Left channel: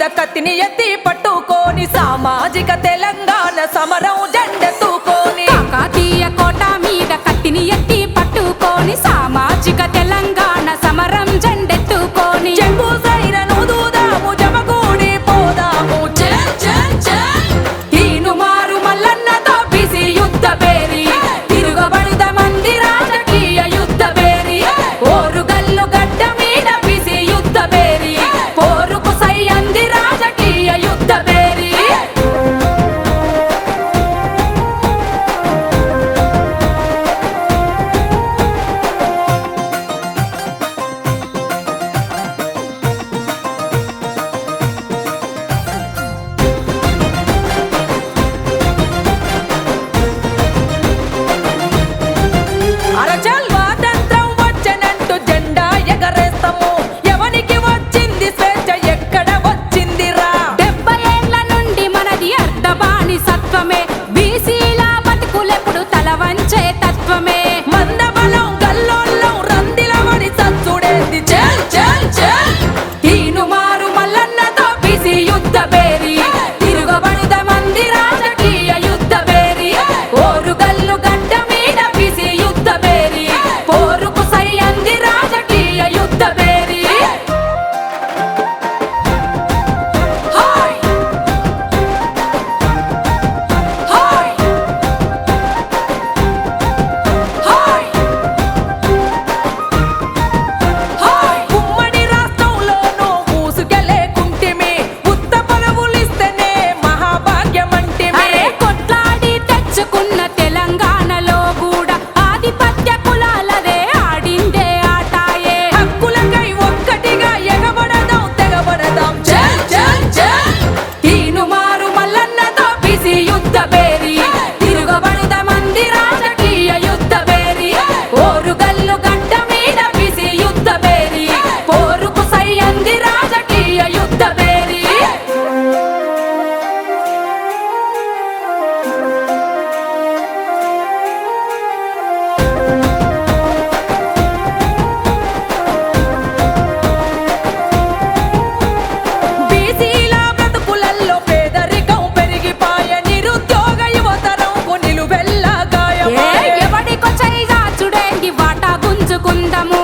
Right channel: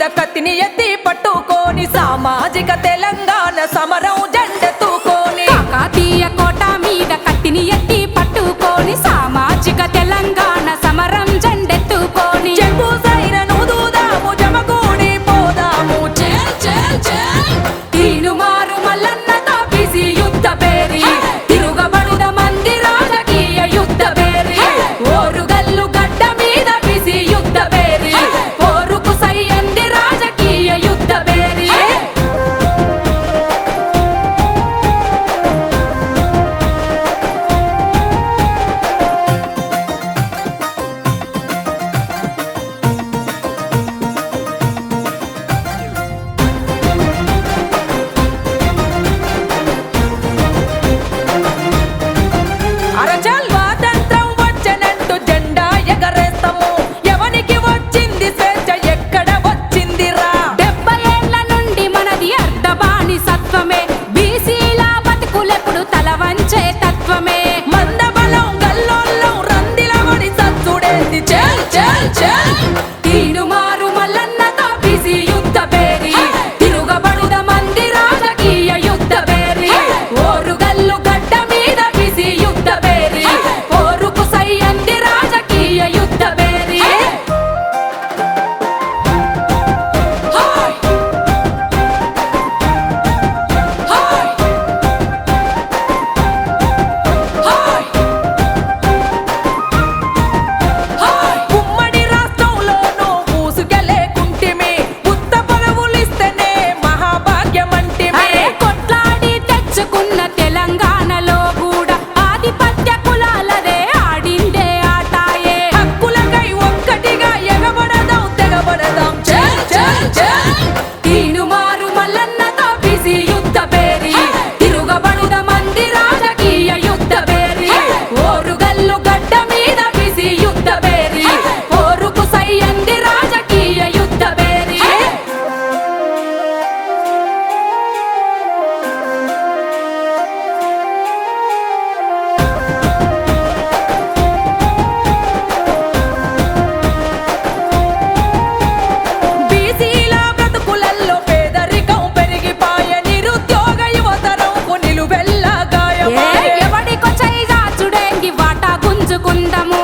మీద కత్తిని ఎత్తి పట్టుకోని సామాజిక తెలంగాణ సమరం జెండెత్తుకొని కాకాతీయ కోట మీద కత్తిని ఎత్తి పట్టుకోని సామాజిక తెలంగాణ సమరం జెండ తల వంచే పూజుకుందము